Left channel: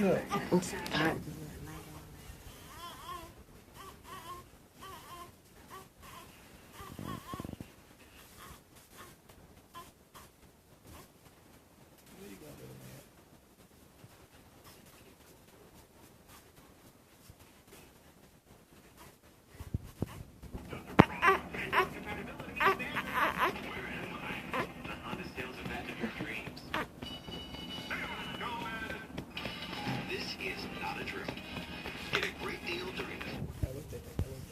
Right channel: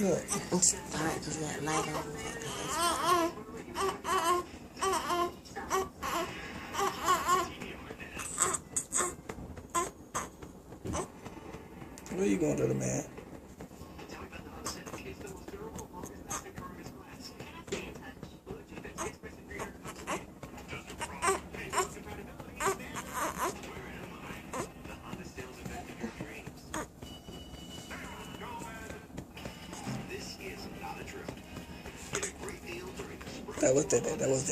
Look. It's dark because that light on. Where you going, little man? That was that. That was